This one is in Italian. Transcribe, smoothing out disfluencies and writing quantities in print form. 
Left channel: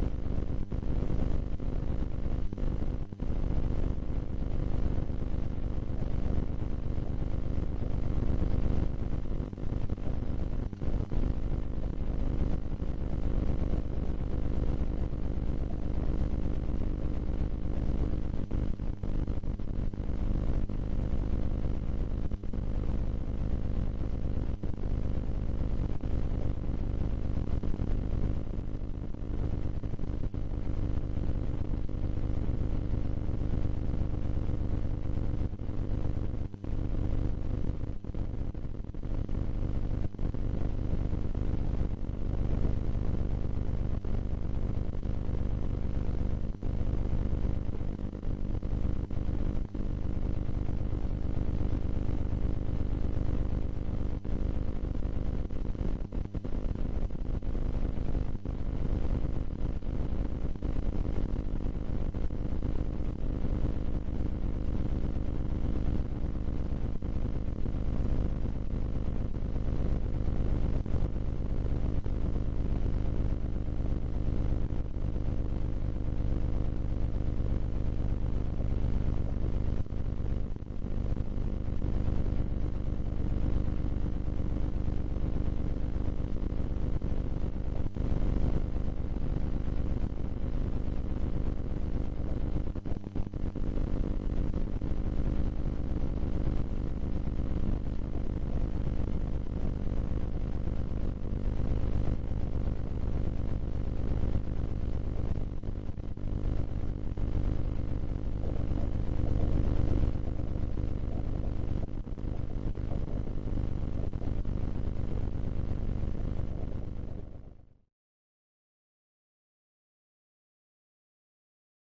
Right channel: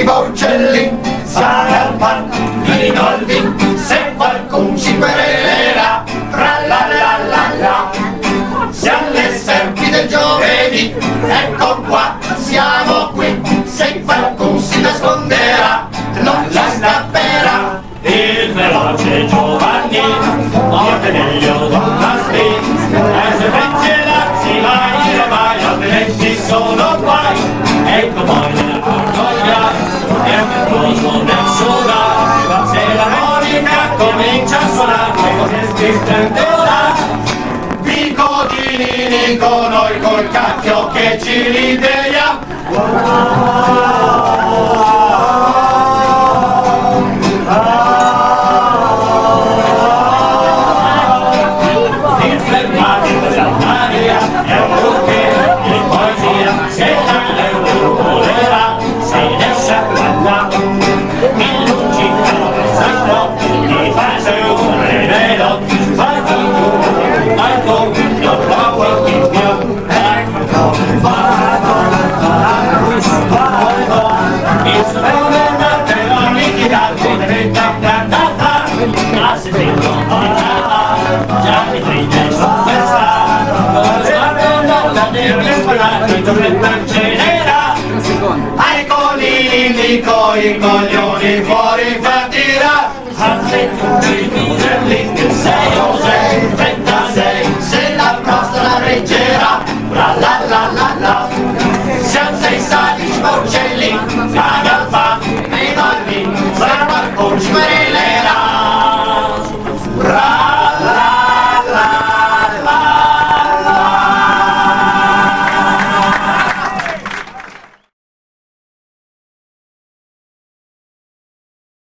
cibo uccelli, sale al pan, vino al vin, se qualcun ci querelerà, tra la la la la. Siamo le serpi del giovedì, ecco qua, siamo qui, se qualcun si nasconderà, non ci scapperà. Il veloce Giovanni, morte meglio d'una spin, e se pensi e lazzi vai, altrimenti sono guai. Ecco poi nel portoia, è un percorso nel suonare, se la monica comincia a suonare, si splenderà. Picodini con noi col cacchio che ci rideiamo. Ai conigli coi coglioni fuori fa tirare.